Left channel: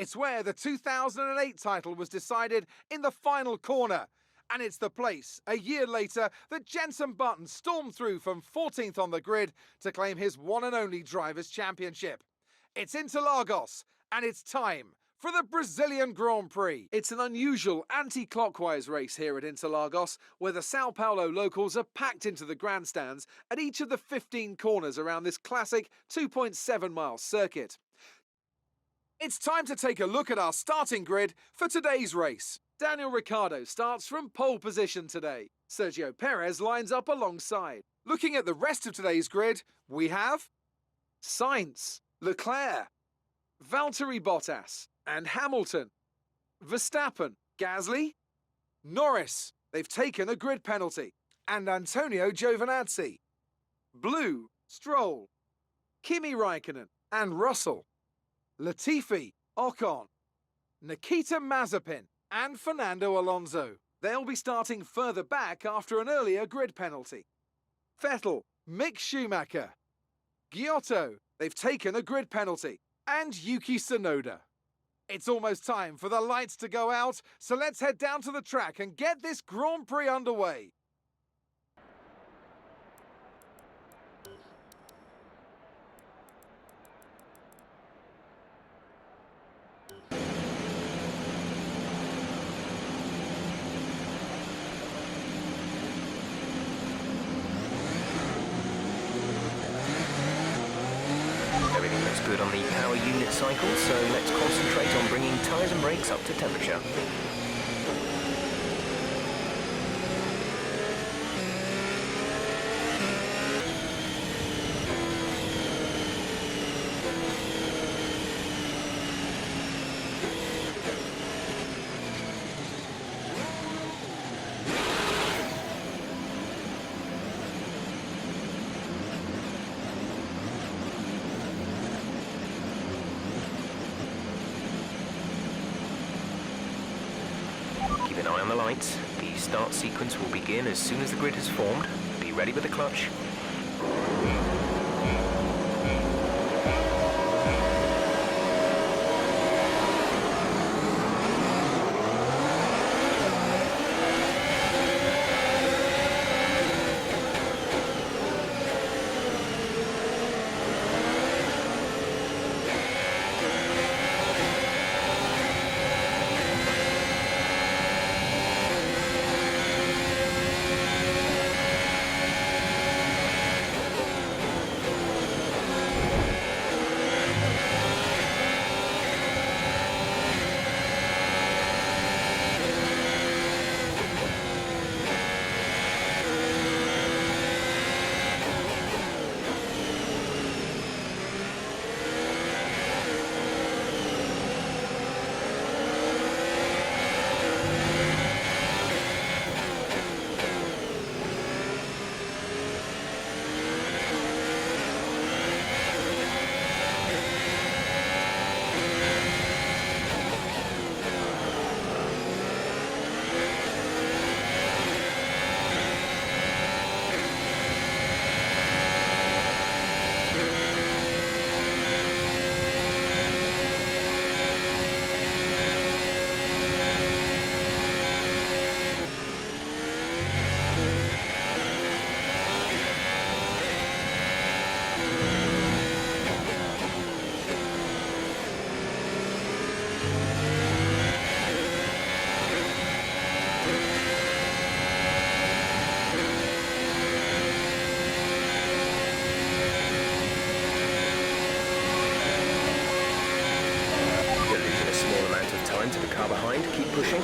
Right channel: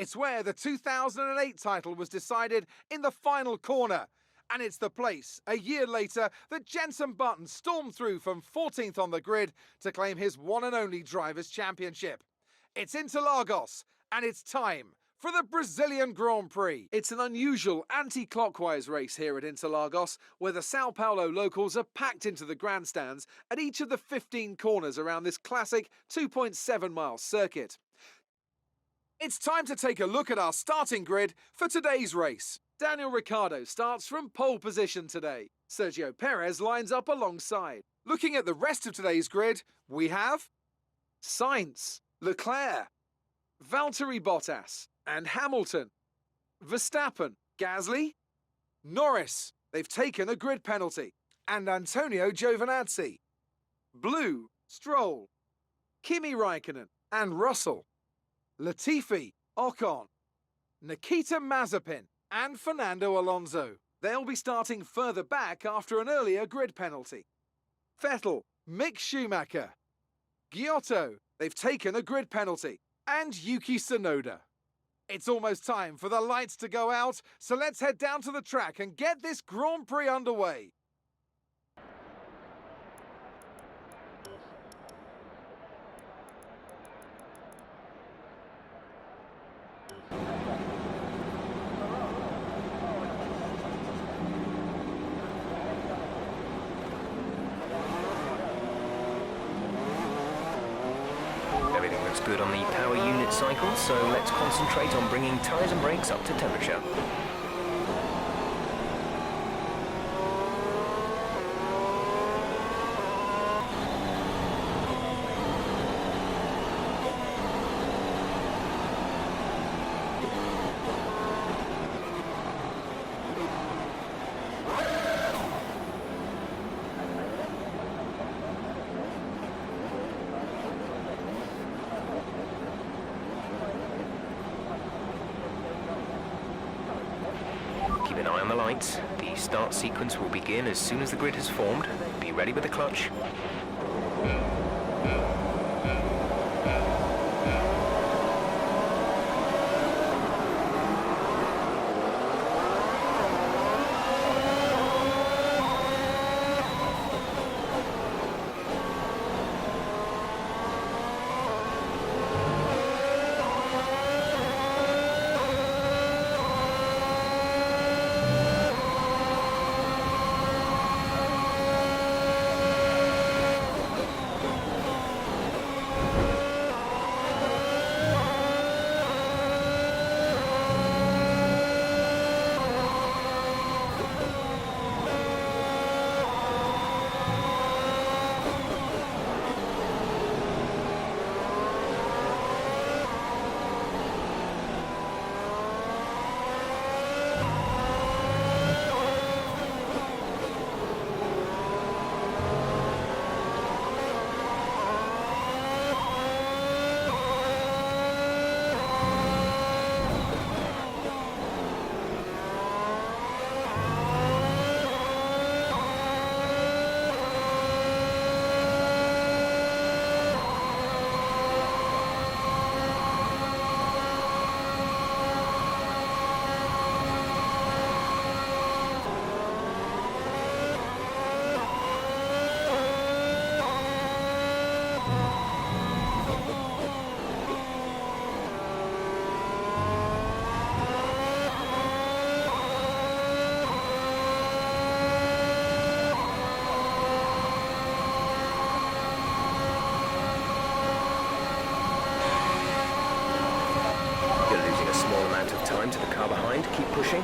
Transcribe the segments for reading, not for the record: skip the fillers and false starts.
It's where the 2008 title was decided in the final corner. And it's the place, a year later, that Jenson Button stormed through from 14th on the grid to claim his one and only Drivers' Championship. It's Interlagos, and it's time for the Brazilian Grand Prix. It's an unusual anti-clockwise race here at Interlagos, where the Sao Paulo locals are packed into the grandstands at each of the 15 corners around this classic 2.7-mile circuit. It's time to take a look at our starting grid for today's race. Daniel Ricciardo starts from pole position today. Sergio Perez lines up alongside. Looking at the rest of today's grid, we have Sainz, Leclerc, Valtteri Bottas and Hamilton, Verstappen, Gasly, Norris, they've taken a grid penalty, and Antonio Giovinazzi. Blue, Stroll, Kimi Raikkonen and Russell, Latifi, Ocon, Nikita Mazepin and Fernando Alonso. They'll be starting further back after an earlier grid penalty. Vettel, Mick Schumacher, Giotto, they've taken a grid penalty, and Yuki Tsunoda. It's almost time for the lights to go out, so let's head down to the track and get this Grand Prix underway. Everything looks good on the power unit cycle, so let's concentrate on bringing tyres and brakes up to temperature. Keep an eye on the lights. The start sequence will begin as soon as the grid has formed. Be ready with the clutch. Small amount of time to the car behind. Keep pushing.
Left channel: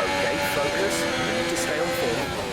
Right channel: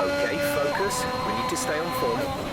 Okay, focus. We need to stay on form.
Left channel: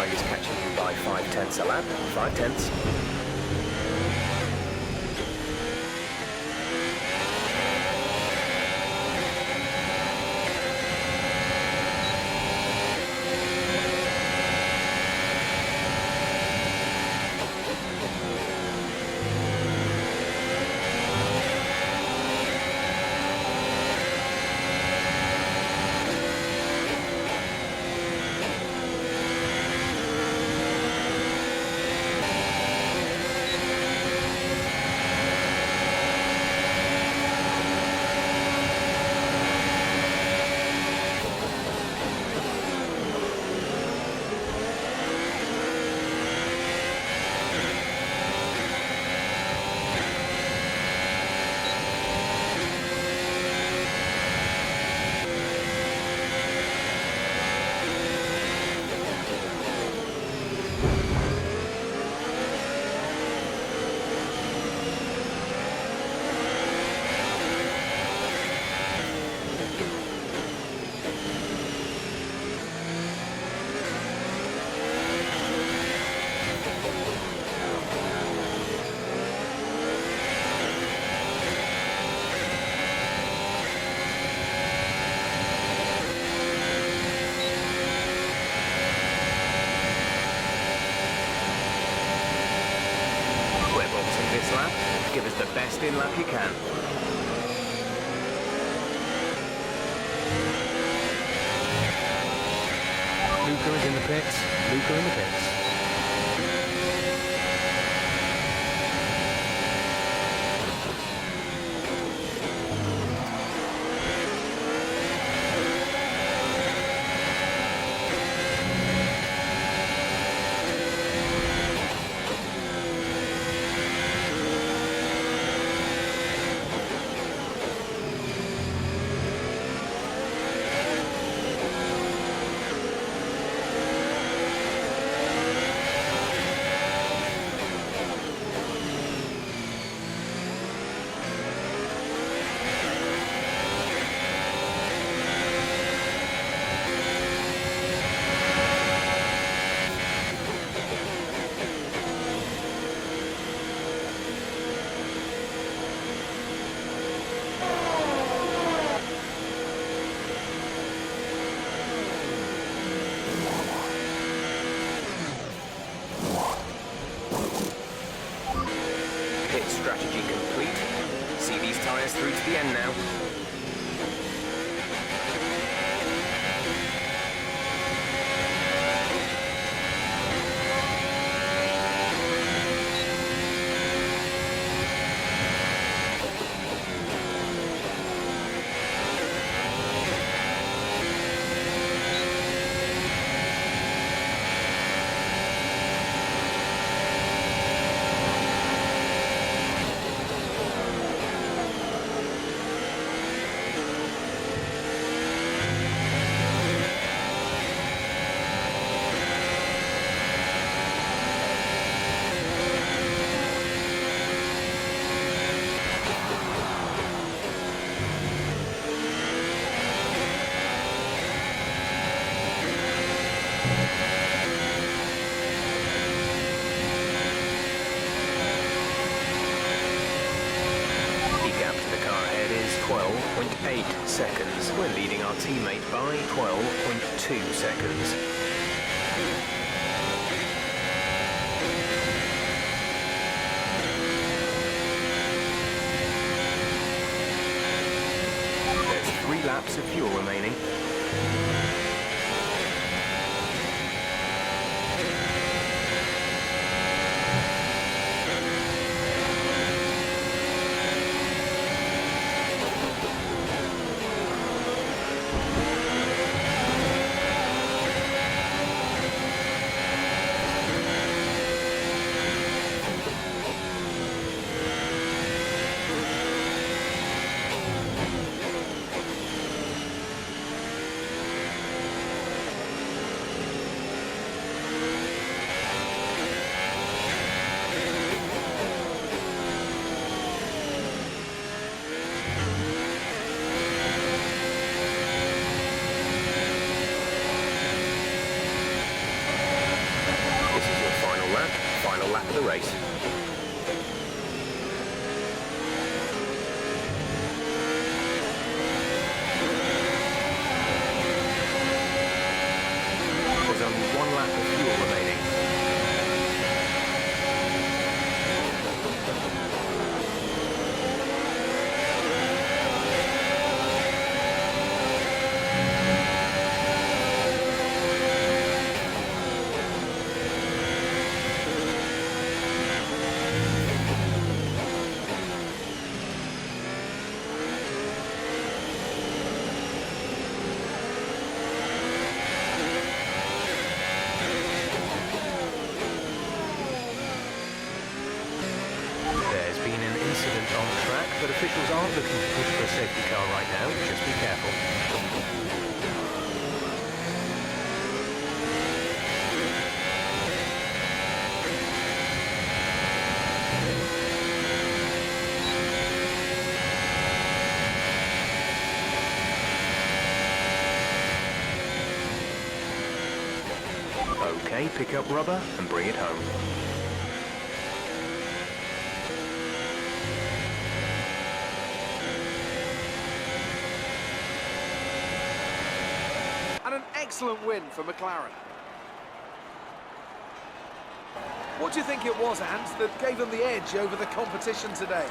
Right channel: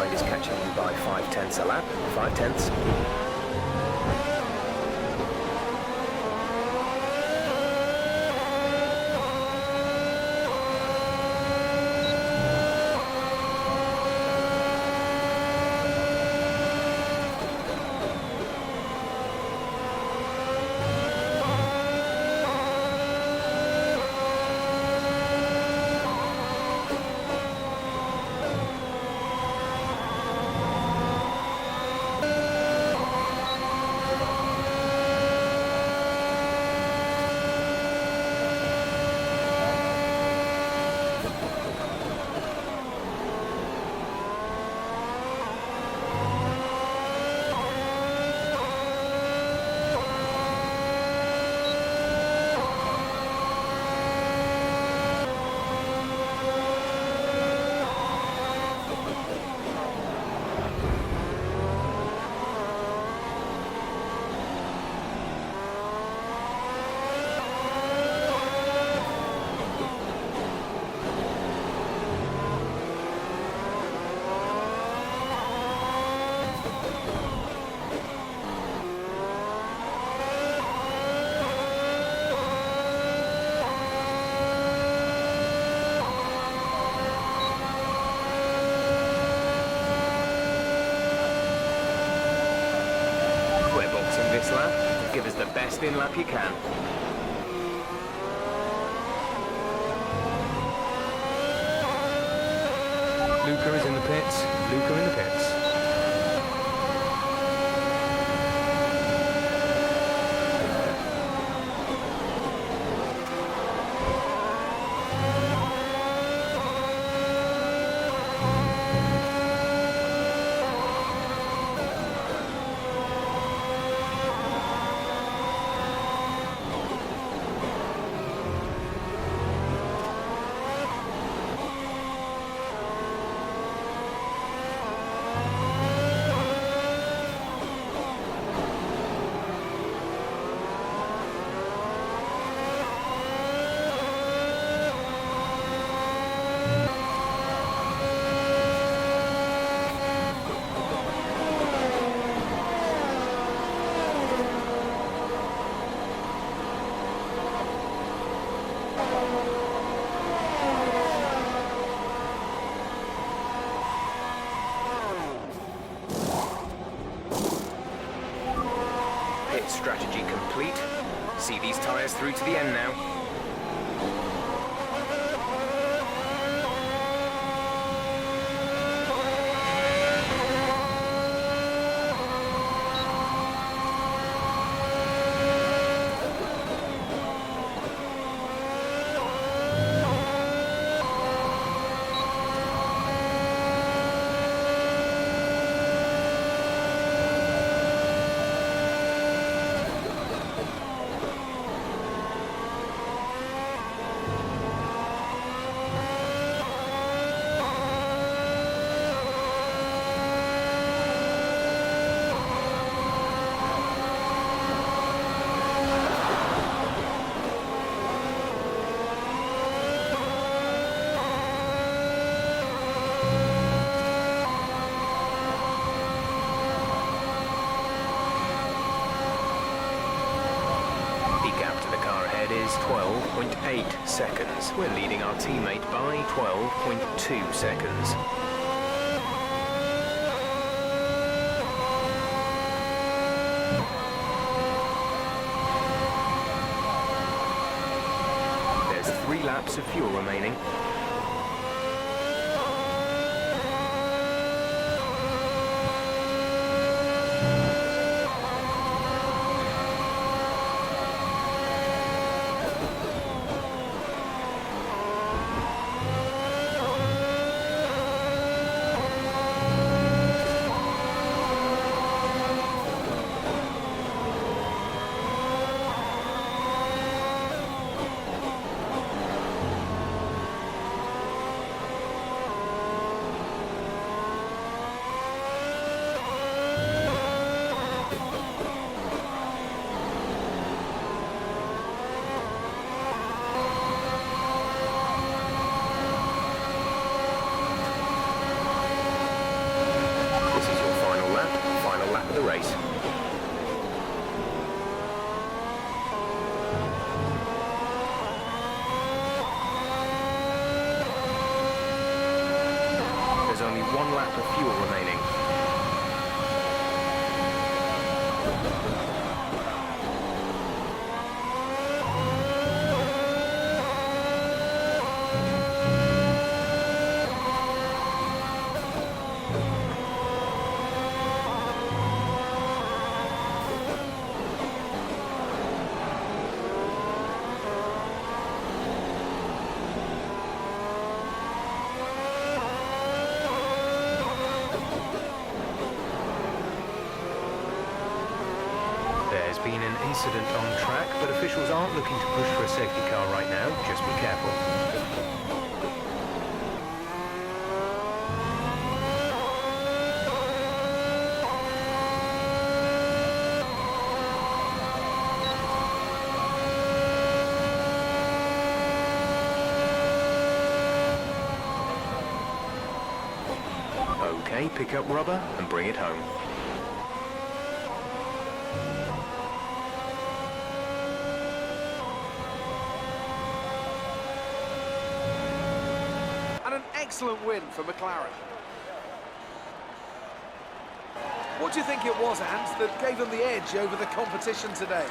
behind is catching you by 5/10 a lap. 5/10. This lap, give us the best in lap you can. Luca is in the pits. Luca in the pits. Pit strategy complete. See these tyres through to the end now. Is 12.8 seconds. We're leading our teammate by 12.2 seconds. There's 3 laps of fuel remaining. final lap of the race. There's only one lap of fuel remaining. There's been an incident on track, but officials aren't looking to push for a safety car right now. Just be careful. Okay, pick up rubber and bring it home. And an excellent win for McLaren. What do you think it was, Ant, that gave them the edge over the competition today?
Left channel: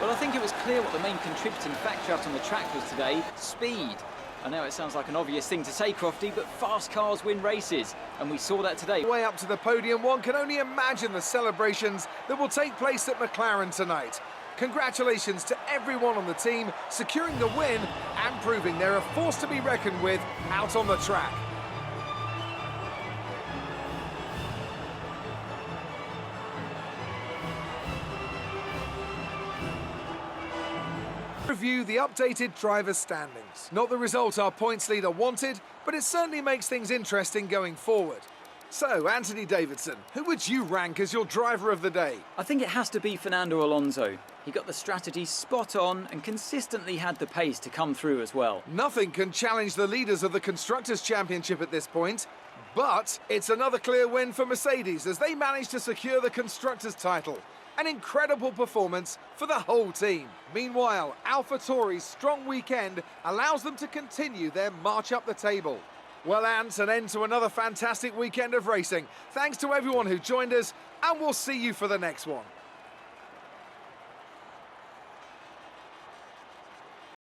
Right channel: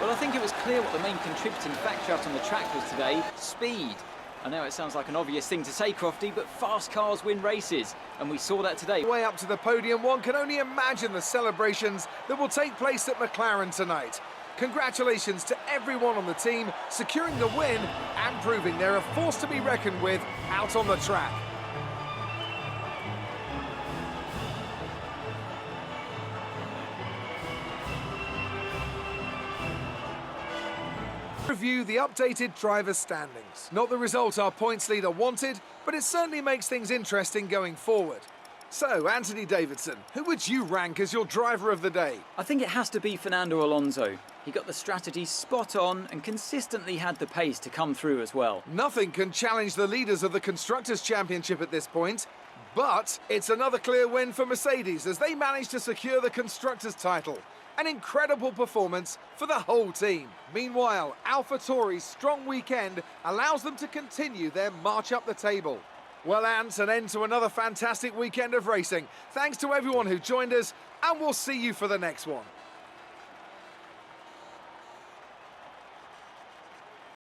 Well, I think it was clear what the main contributing factor out on the track was today: speed. I know it sounds like an obvious thing to say, Crofty, but fast cars win races, and we saw that today. Way up to the podium, one can only imagine the celebrations that will take place at McLaren tonight. Congratulations to everyone on the team, securing the win and proving they're a force to be reckoned with out on the track. Review the updated driver standings. Not the result our points leader wanted, but it certainly makes things interesting going forward. So, Anthony Davidson, who would you rank as your driver of the day? I think it has to be Fernando Alonso. He got the strategy spot on and consistently had the pace to come through as well. Nothing can challenge the leaders of the Constructors' Championship at this point, but it's another clear win for Mercedes as they managed to secure the Constructors' title. An incredible performance for the whole team. Meanwhile, AlphaTauri's strong weekend allows them to continue their march up the table. Well, Ant, an end to another fantastic weekend of racing. Thanks to everyone who joined us, and we'll see you for the next one.